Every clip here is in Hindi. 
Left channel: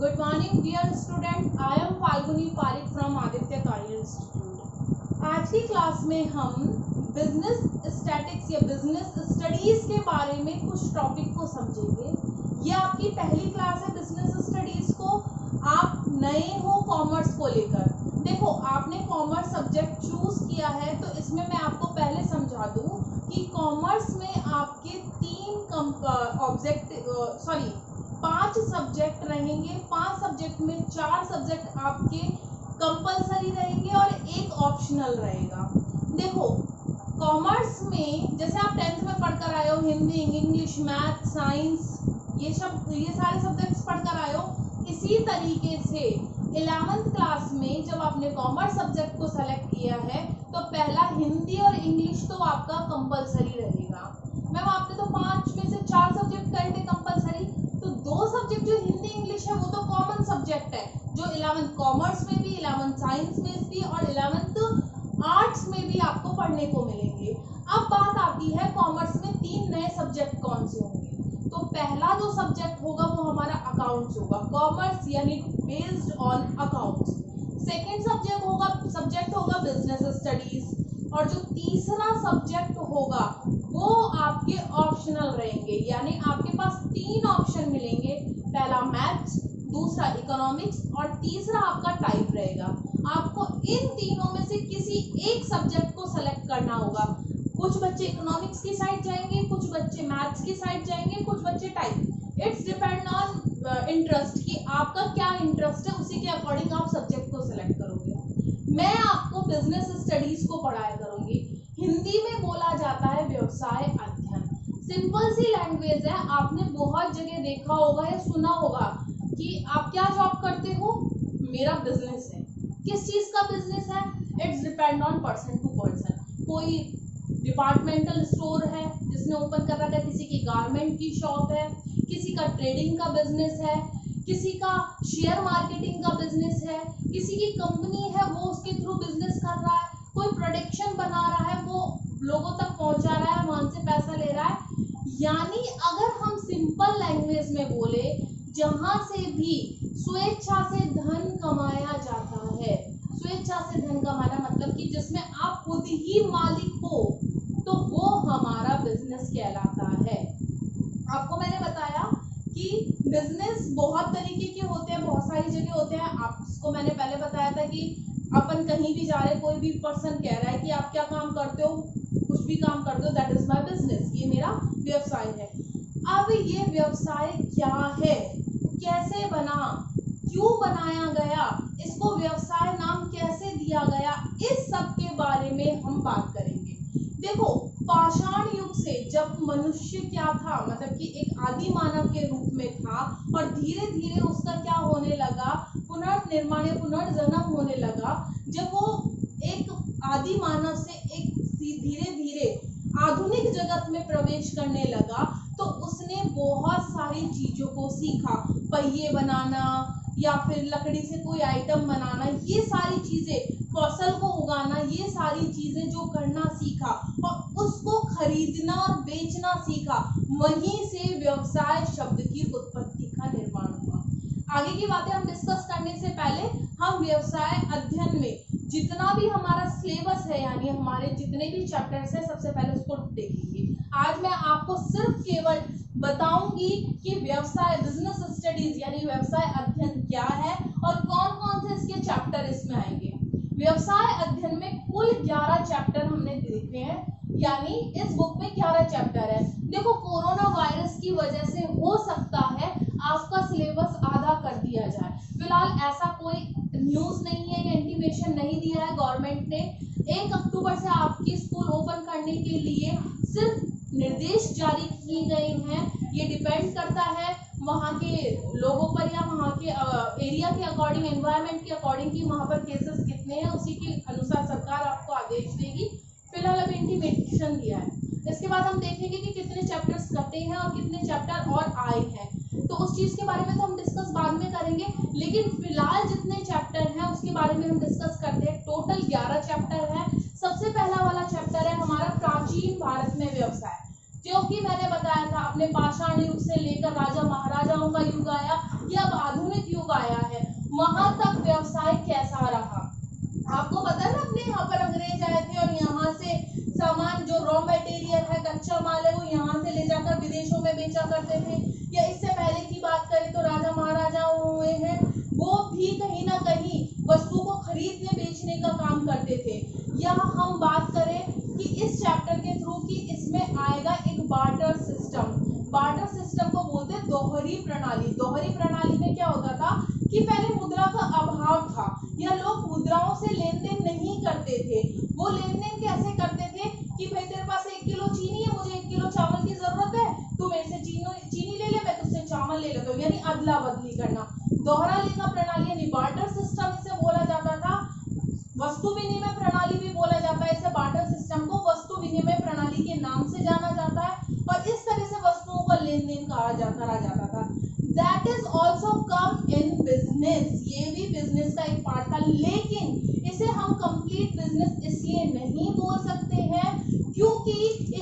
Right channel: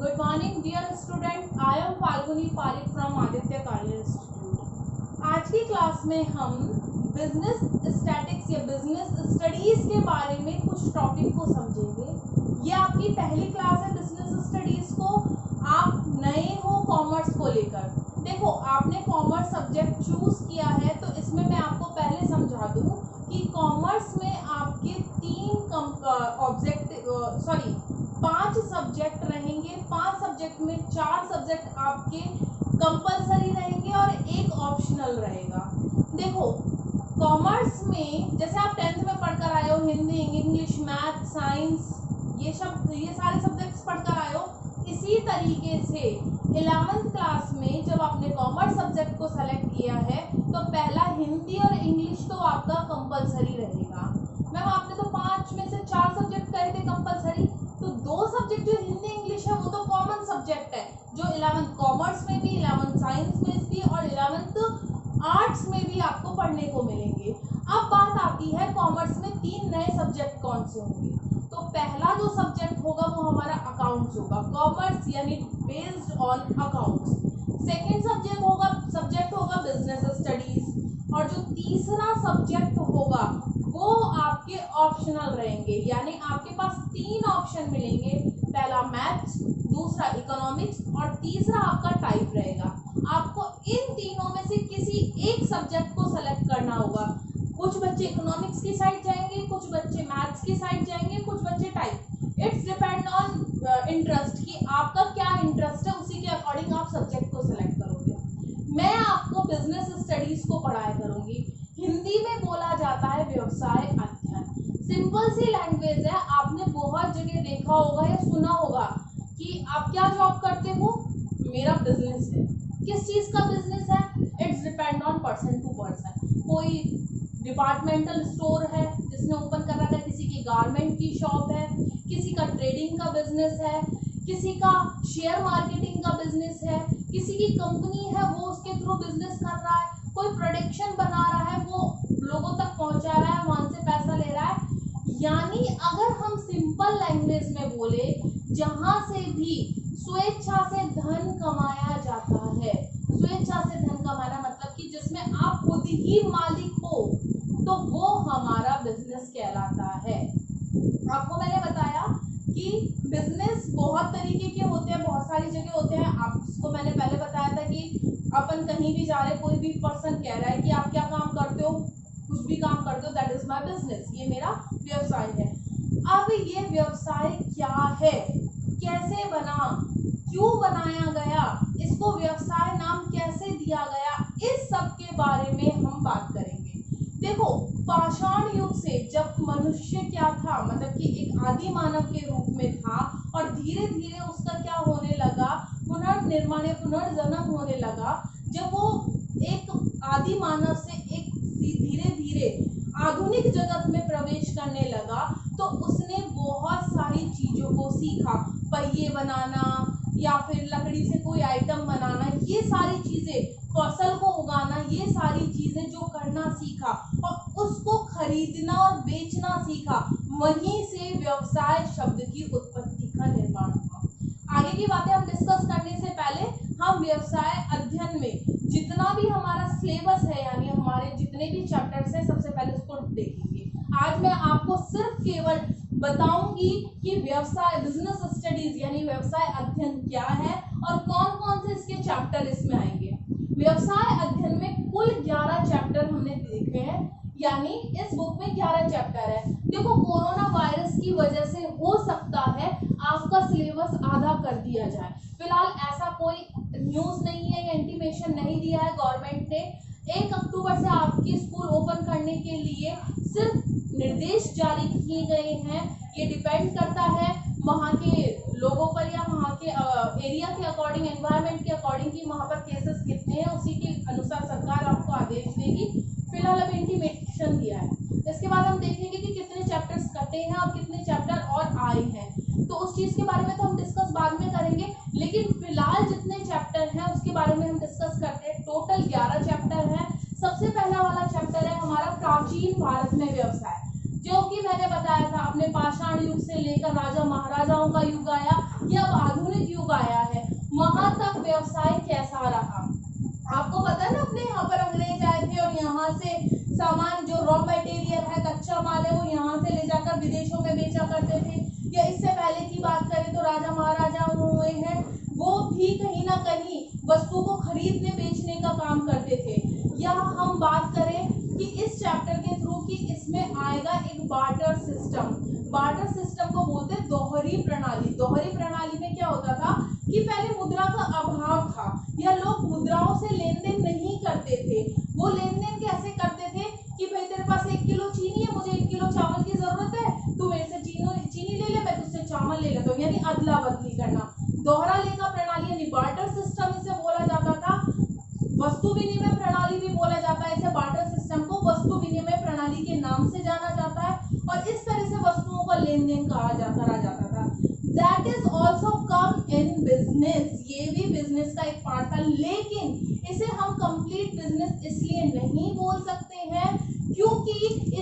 Good morning dear student. I am Falguni Parik from Aditya Karya Institute. आज की क्लास में हम बिजनेस स्टैटिक्स या बिजनेस स्टडीज के बारे में कुछ टॉपिक को समझेंगे। ये आपकी पहली क्लास है बिजनेस स्टडीज को। आप नए हो कॉमर्स को लेकर। देखो, आपने कॉमर्स सब्जेक्ट चूज किया है तो इसमें मैं आपको पहले समझा दूं कि कॉमर्स में आपके 5 सब्जेक्ट रहेंगे। 5 सब्जेक्ट में 4 सब्जेक्ट आपके कंपलसरी रहेंगे और एक ऑप्शनल रहेगा। देखो, कॉमर्स में जैसे आप 10th में पढ़कर आए हो, हिंदी, इंग्लिश, मैथ, साइंस, ये सारे सब्जेक्ट्स पढ़कर आए हो। इसी तरीके से 11th क्लास में जब आपने कॉमर्स सब्जेक्ट को सेलेक्ट किया है तो पहला हिंदी और इंग्लिश तो आपका कंपलसरी रहेगा। मैम, आपने तो 5 में से 4 सब्जेक्ट करे थे कंपलसरी, तो 2 सब्जेक्ट जो हिंदी इंग्लिश है वो तो कॉमन सब्जेक्ट है, जो 11th कॉमर्स में भी, 11th साइंस में भी और 11th आर्ट्स में भी आपको पढ़ने को मिलेंगे। अब बात आती है कॉमर्स में 3 नए सब्जेक्ट कौन से होंगे। तो पहला जो सब्जेक्ट होगा वो हमारा अकाउंट्स होगा, कॉमर्स यानी based on accounts. Second subject होगा बिजनेस स्टडीज, और जो तीसरा सब्जेक्ट होगा वो आपके ऑप्शनल रहेंगे, यानी आपके पास 3 ऑप्शन मिलेंगे। पहला मैथ्स, दूसरा इकोनॉमिक्स और तीसरा आपका टाइप रहेगा। आपको इन तीनों में से किसी एक सब्जेक्ट को सेलेक्ट करना होगा। कुछ बच्चे इकोनॉमिक्स की साइड जाएंगे, कुछ बच्चे मैथ्स की साइड जाएंगे, कुछ बच्चे type. It's depend on interest कि आपका क्या इंटरेस्ट है, उसी के अकॉर्डिंग आप सब्जेक्ट को सिलेक्ट करोगे। मैं आपको बिजनेस स्टडीज को पढ़ाया करूंगी। हिंदी में बोला जाता है व्यवसाय अध्ययन। सिंपल सी लैंग्वेज है। आपने बहुत जगह देखा होगा या सुना होगा कि आप क्या जॉब करते हो, मेरा बिजनेस है। किस चीज का बिजनेस है? It's depend on person to person. कोई डिपार्टमेंटल स्टोर है जिसने ओपन कर रखा है, किसी की गारमेंट की शॉप है, किसी का ट्रेडिंग का बिजनेस है, किसी का शेयर मार्केटिंग का बिजनेस है, किसी की कंपनी है वो उसके थ्रू बिजनेस कर रहा है, कोई प्रोडक्शन बना रहा है वो लोगों तक पहुंचा रहा है, वहां से पैसा ले रहा है। यानी अगर हम सिंपल लैंग्वेज में बोले, जहां से भी स्वेच्छा से धन कमाया जाता है। स्वेच्छा से धन कमाना मतलब कि जिसमें आप खुद ही मालिक हो, तो वो हमारा बिजनेस कहलाता है। आपको मैंने बताया कि बिजनेस बहुत तरीके के होते हैं, बहुत सारी जगह होते हैं। आपको मैंने पहले बताया था कि अपन कहीं भी जा रहे, कोई भी पर्सन कह रहा है कि आप क्या काम करते हो, कुछ भी काम करते हो, दैट इज माय बिजनेस, ये मेरा व्यवसाय है। अब ये व्यवसाय क्या है, कैसे बना, क्यों बनाया गया, इसको व्यवसाय नाम कैसे दिया गया, इस सब के बारे में हम बात करेंगे। देखो, पाषाण युग से जब मनुष्य क्या था, मतलब कि एक आदि मानव के रूप में था, और धीरे धीरे उसका क्या होने लगा, पुनर्निर्माण, पुनर्जन्म होने लगा। जब वो एक आदि मानव से एक धीरे धीरे आधुनिक जगत में प्रवेश करने लगा, तो उसने बहुत सारी चीजों को सीखा। पहिए बनाना या फिर लकड़ी से कोई आइटम बनाना, ये सारी चीजें, फसल को उगाना, ये सारी चीजें जो करना सीखा और उसको खरीदना और बेचना सीखा। वहीं से व्यवसाय शब्द की उत्पत्ति का निर्माण हुआ। आगे की बातें हम डिस्कस करने से पहले हम व्यवसाय अध्ययन में जितना भी हमारा सिलेबस है, यानी हमारे जितने भी चैप्टर्स हैं, सबसे पहले उसको देखेंगे। आज मैं आपको सिर्फ केवल बताऊंगी कि व्यवसाय, बिजनेस स्टडीज यानी व्यवसाय अध्ययन क्या है और कौन कौन से इसके चैप्टर इसमें आएंगे। व्यवसाय अध्ययन में कुल 11 चैप्टर हमने देखे हैं, यानी इस बुक में 11 चैप्टर है। देखो, कोरोना वायरस की वजह से हो सकता है आपका सिलेबस आधा कर दिया जाए। फिलहाल ऐसा कोई न्यूज नहीं है या इंटीमेशन नहीं दिया है गवर्नमेंट ने। 1 अक्टूबर से आपकी स्कूल ओपन करने के लिए सिर्फ निर्देश जारी किए गए हैं। ये डिपेंड करता है वहाँ के लोगों पर या वहाँ के एरिया के अकॉर्डिंग, एनवायरनमेंट के अकॉर्डिंग कि वहाँ पर केसेस कितने हैं, उसी के अनुसार सरकार आपको आदेश देगी। फिलहाल अब इंटीमेशन दिया है। इसके बाद हम देखेंगे कि कितने चैप्टर्स कटे हैं और कितने चैप्टर और आए हैं, तो उस चीज के बारे में तो हम डिस्कस बाद में करेंगे। लेकिन फिलहाल जितने चैप्टर हैं उसके बारे में हम डिस्कस करते हैं। टोटल 11 चैप्टर है। सबसे पहला वाला चैप्टर है हमारा प्राचीन भारत में व्यवसाय। जो कि मैंने बताया था, अपने पाषाण युग से लेकर राजा महाराजाओं का युग आया, या अब आधुनिक युग आया है, वहां तक व्यवसाय कैसा रहा। आपको पता है ना, अपने यहाँ पर अंग्रेज आए थे और यहाँ से सामान, जो रॉ मटेरियल है, कच्चा माल है, वो यहाँ से ले जाकर विदेशों में बेचा करते थे। या इससे पहले की बात करें तो राजा महाराजा हुए हैं, वो भी कहीं ना कहीं वस्तु को खरीदने बेचने का काम करते थे। यहाँ हम बात करें कि इस चैप्टर के थ्रू कि इसमें आएगा एक बार्टर सिस्टम। बार्टर सिस्टम को बोलते हैं दोहरी प्रणाली। दोहरी प्रणाली में क्या होता था कि पहले मुद्रा का अभाव था, या लोग मुद्राओं से लेन देन नहीं करते थे। वो लेन देन कैसे करते थे कि भाई तेरे पास 1 किलो चीनी है, मुझे 1 किलो चावल की जरूरत है, तू मेरे से चीनी ले ले, मैं तुझसे चावल ले लेता हूँ, यानी अदला बदली करना। दोहरा लेखा प्रणाली यानी बार्टर सिस्टम इसे बोला जाता था। वस्तु विनिमय प्रणाली भी बोला जाता है इसे। बार्टर सिस्टम को वस्तु विनिमय प्रणाली के नाम से जाना जाता है, और इस तरह से वस्तुओं का लेन देन करा जाता था। That is also come in business, ये भी बिजनेस का एक पार्ट था, लेकिन इसे हम कंप्लीट बिजनेस इसलिए नहीं बोल सकते हैं क्योंकि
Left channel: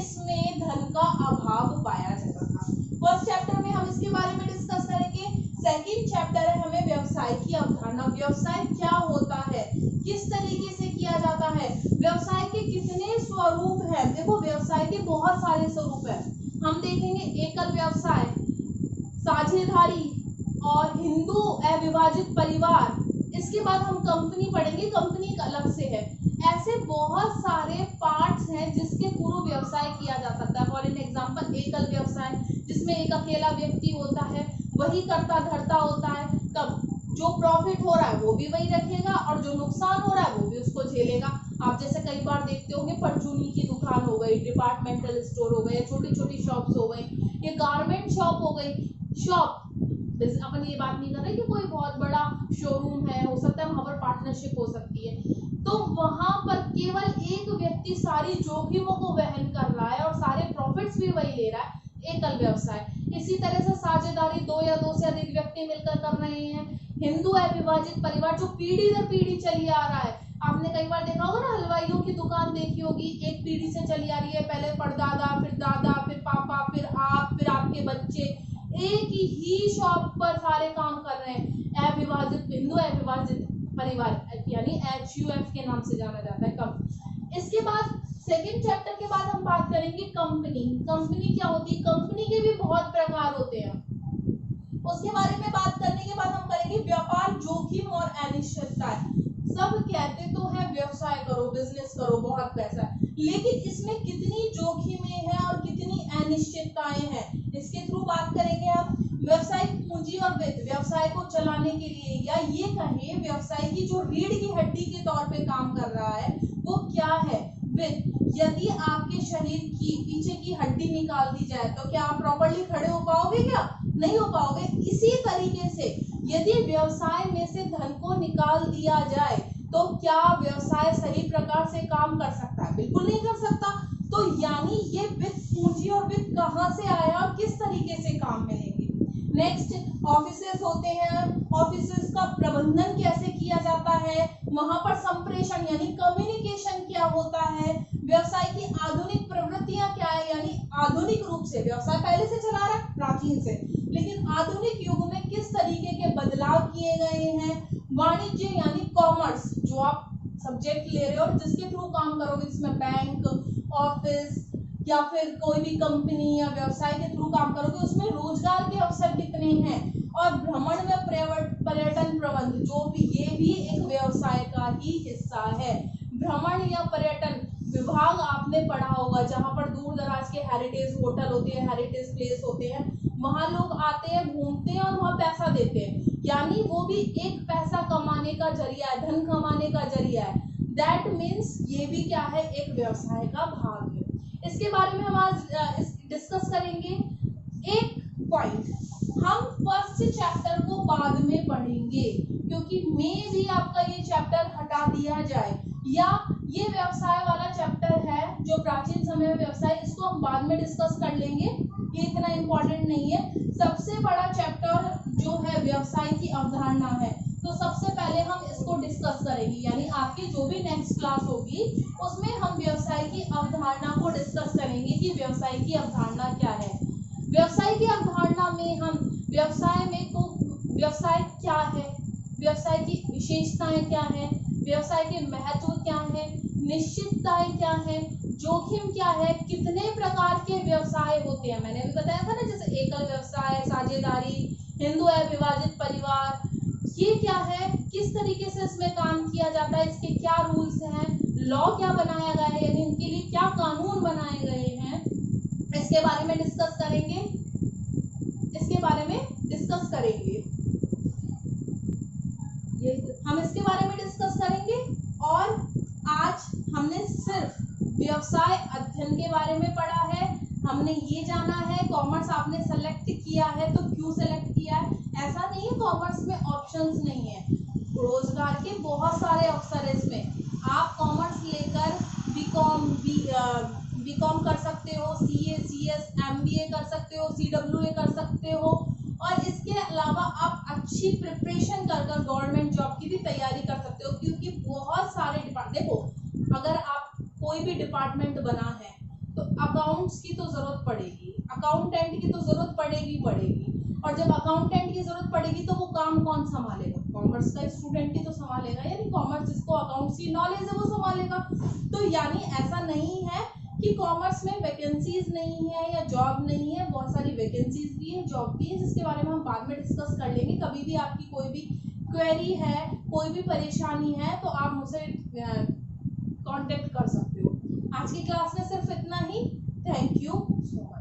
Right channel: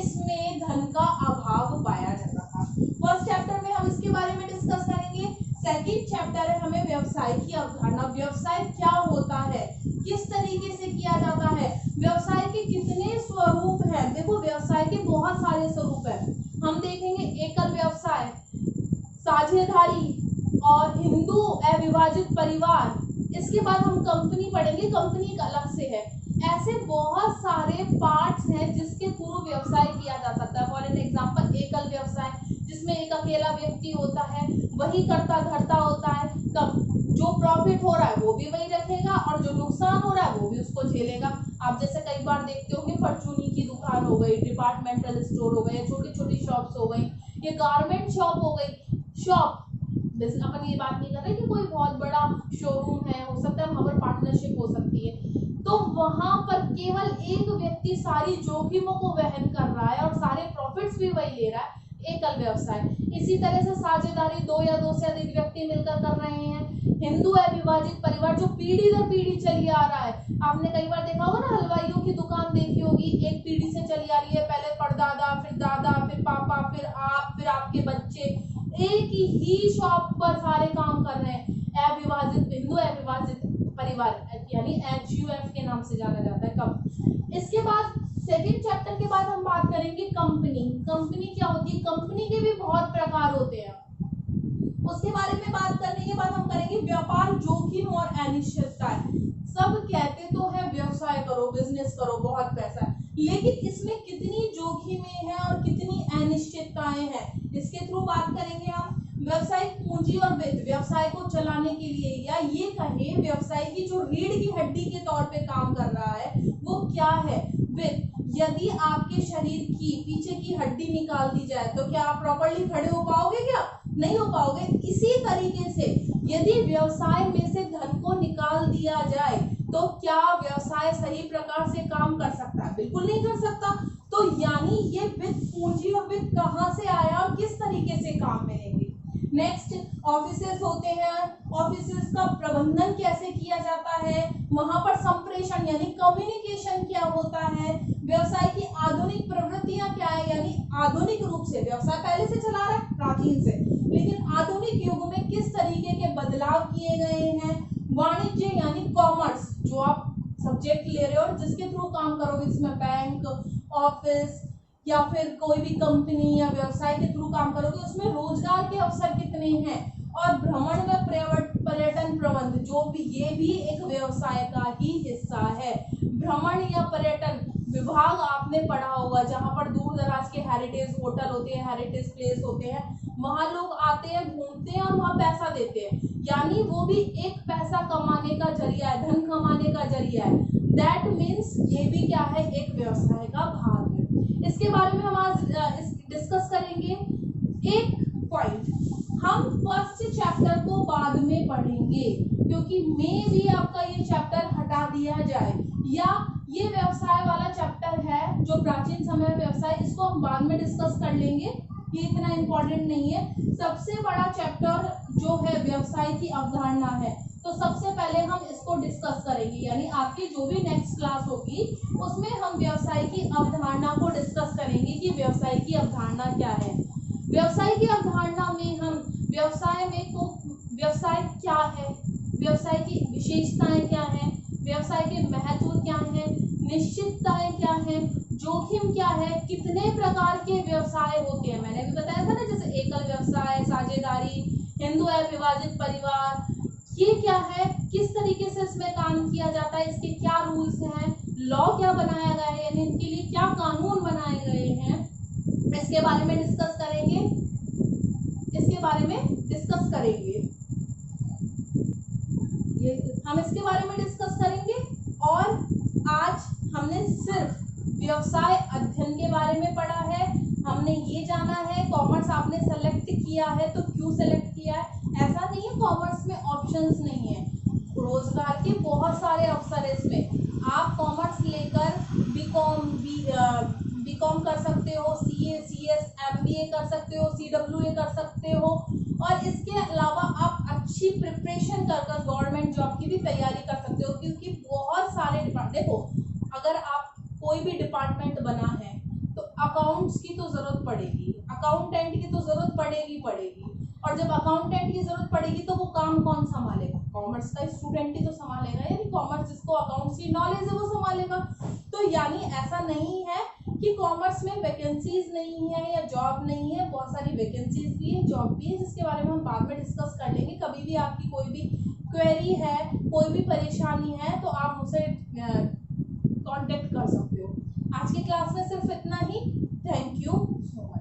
इसमें धन का अभाव पाया जाता था। फर्स्ट चैप्टर में हम इसके बारे में डिस्कस करेंगे। सेकंड चैप्टर है हमें व्यवसाय की अवधारणा, व्यवसाय क्या होता है, किस तरीके से किया जाता है, व्यवसाय के कितने स्वरूप हैं। देखो, व्यवसाय के बहुत सारे स्वरूप हैं। हम देखेंगे एकल व्यवसाय, साझेदारी और हिंदू अविभाजित परिवार। इसके बाद हम कंपनी पढ़ेंगे, कंपनी एक अलग से है। ऐसे बहुत सारे पार्ट्स हैं जिसके थ्रू व्यवसाय किया जा सकता है। फॉर एन एग्जांपल, एकल व्यवसाय जिसमें एक अकेला व्यक्ति होता है, वही करता धरता होता है। कब जो प्रॉफिट हो रहा है वो भी वही रखेगा, और जो नुकसान हो रहा है वो भी उसको झेलेगा। आप जैसे कई बार देखते होंगे, परचूनी की दुकान हो गई, डिपार्टमेंटल स्टोर हो गए, छोटी छोटी शॉप्स हो गई, ये गारमेंट शॉप हो गई। शॉप, अपन ये बात नहीं कर रहे कि कोई बहुत बड़ा शोरूम है, हो सकता है वहां पर पार्टनरशिप हो सकती है, तो वहां पर केवल एक व्यक्ति सारी जोखिमों को वहन कर रहा है और सारे प्रॉफिट्स भी वही ले रहा है, एकल व्यवसाय। इसी तरह से साझेदारी, 2 या 2 से अधिक व्यक्ति मिलकर कर रहे हैं। हिंदू अविभाजित परिवार, जो पीढ़ी दर पीढ़ी चली आ रहा है। आपने कई बार देखा होगा ना, हलवाइयों की दुकान देखी होगी, एक पीढ़ी से चली आ रही है, पहले परदादा, फिर दादा, फिर पापा, फिर आप, फिर आपके बच्चे, एक ही शॉप पर सारे काम कर रहे हैं। अविभाजित, हिंदू अविभाजित परिवार यानी HUF के नाम से जाना जाता है। कब इसके बाद सेकंड चैप्टर के बाद हम बात करेंगे कंपनी। कंपनी क्या होती है, कंपनी के भी बहुत प्रकार होते हैं। उसके बारे में बात करने के बाद हम करेंगे व्यापार, जोखिम और अनिश्चितता। सब कहते तो है व्यवसाय करो, बिजनेस करो, बहुत पैसा है, लेकिन इसमें कितनी जोखिमें हैं और कितनी अनिश्चितताएं हैं, इसके थ्रू बात करेंगे हम। व्यवसायिक पूंजी और वित्त, व्यवसाय को चलाने के लिए, या ये कहे व्यवसाय की जो रीढ़ की हड्डी के तौर पे काम कर रहा है वो क्या है, वित्त। यदि आपके शरीर की पीछे की हड्डी निकाल दी जाए तो क्या आप प्रॉपर्ली खड़े हो पाओगे? क्या नहीं हो पाओगे। इसी तरीके से यदि व्यवसाय में से धन को निकाल दिया जाए तो क्या व्यवसाय सही प्रकार से काम कर सकता है? बिल्कुल नहीं कर सकता। तो यानी ये वित्त, पूंजी और वित्त कहाँ से आया और किस तरीके से काम में लेंगे। नेक्स्ट, ऑफिसेस होते हैं। ऑफिसेस का प्रबंधन कैसे किया जाता है, वहां पर संप्रेषण यानी कम्युनिकेशन क्या होता है। व्यवसाय की आधुनिक प्रवृत्तियां क्या है, यानी आधुनिक रूप से व्यवसाय पहले से चला रहा है प्राचीन से, लेकिन आधुनिक युग में किस तरीके के बदलाव किए गए हैं। वाणिज्य यानी कॉमर्स, जो आप सब्जेक्ट ले रहे हो और जिसके थ्रू काम करोगे, जिसमें बैंक, ऑफिस या फिर कोई भी कंपनी या व्यवसाय के थ्रू काम करोगे, उसमें रोजगार के अवसर कितने हैं। और भ्रमण व पर्यटन प्रबंध, जो भी ये भी एक व्यवसाय का ही हिस्सा है। भ्रमण या पर्यटन विभाग आपने पढ़ा होगा, जहाँ पर दूर दराज के हेरिटेज होटल होते हैं, हेरिटेज प्लेस होते हैं, वहां लोग आते हैं, घूमते हैं और वहां पैसा देते हैं, यानी वो भी एक पैसा कमाने का जरिया है, धन कमाने का जरिया है। दैट मीन्स ये भी क्या है, एक व्यवसाय का भाग है। इसके बारे में हम आज डिस्कस करेंगे। एक पॉइंट, हम फर्स्ट चैप्टर को बाद में पढ़ेंगे, क्योंकि मे भी आपका ये चैप्टर हटा दिया जाए, या ये व्यवसाय वाला चैप्टर है जो प्राचीन समय व्यवसाय, इसको हम बाद में डिस्कस कर लेंगे, ये इतना इंपॉर्टेंट नहीं है। सबसे बड़ा चैप्टर जो है व्यवसाय की अवधारणा है, तो सबसे पहले हम इसको डिस्कस करेंगे, यानी आपकी जो भी नेक्स्ट क्लास होगी उसमें हम व्यवसाय की अवधारणा को डिस्कस करेंगे कि व्यवसाय की अवधारणा क्या है। व्यवसाय की अवधारणा में हम व्यवसाय क्या है, व्यवसाय की विशेषताएं क्या है, व्यवसाय के महत्व क्या है, निश्चितताएं क्या है, जोखिम क्या है, कितने प्रकार के व्यवसाय होते हैं। मैंने भी बताया था ना, जैसे एकल व्यवसाय, साझेदारी, हिंदू विभाजित परिवार, ये क्या है, किस तरीके से इसमें काम किया जाता है, इसके क्या रूल्स हैं, लॉ क्या बनाया गया है, यानी इनके लिए क्या कानून बनाए गए हैं, इसके बारे में डिस्कस करेंगे। ये हम इसके बारे में डिस्कस करेंगे। और आज हमने सिर्फ व्यवसाय अध्ययन के बारे में पढ़ा है, हमने ये जाना है कॉमर्स आपने सेलेक्ट किया है तो क्यों सेलेक्ट किया है। ऐसा नहीं है कॉमर्स में ऑप्शंस नहीं है, रोजगार के बहुत सारे अवसर है इसमें। आप कॉमर्स लेकर बीकॉम कर सकते हो, सीए, सीएस, एमबीए कर सकते हो, सीडब्ल्यूए कर सकते हो, और इसके अलावा आप अच्छी प्रिपरेशन कर गवर्नमेंट जॉब की भी तैयारी कर सकते हो, क्योंकि बहुत सारे देखो, अगर आप कोई भी डिपार्टमेंट बना है तो अकाउंट्स की तो जरूरत पड़ेगी, अकाउंटेंट की तो जरूरत पड़ेगी, और जब अकाउंटेंट की जरूरत पड़ेगी तो वो काम कौन संभालेगा, कॉमर्स का स्टूडेंट ही तो संभालेगा, यानी कॉमर्स जिसको अकाउंट्स की नॉलेज है वो संभालेगा। तो यानी ऐसा नहीं है कि कॉमर्स में वैकेंसीज नहीं है या जॉब नहीं है, बहुत सारी वैकेंसीज भी है, जॉब भी है, जिसके बारे में हम बाद में डिस्कस कर लेंगे। कभी भी आपकी कोई भी क्वेरी है, कोई भी परेशानी है तो आप मुझसे कांटेक्ट कर सकते हो। आज की क्लास में सिर्फ इतना ही। Thank you so much.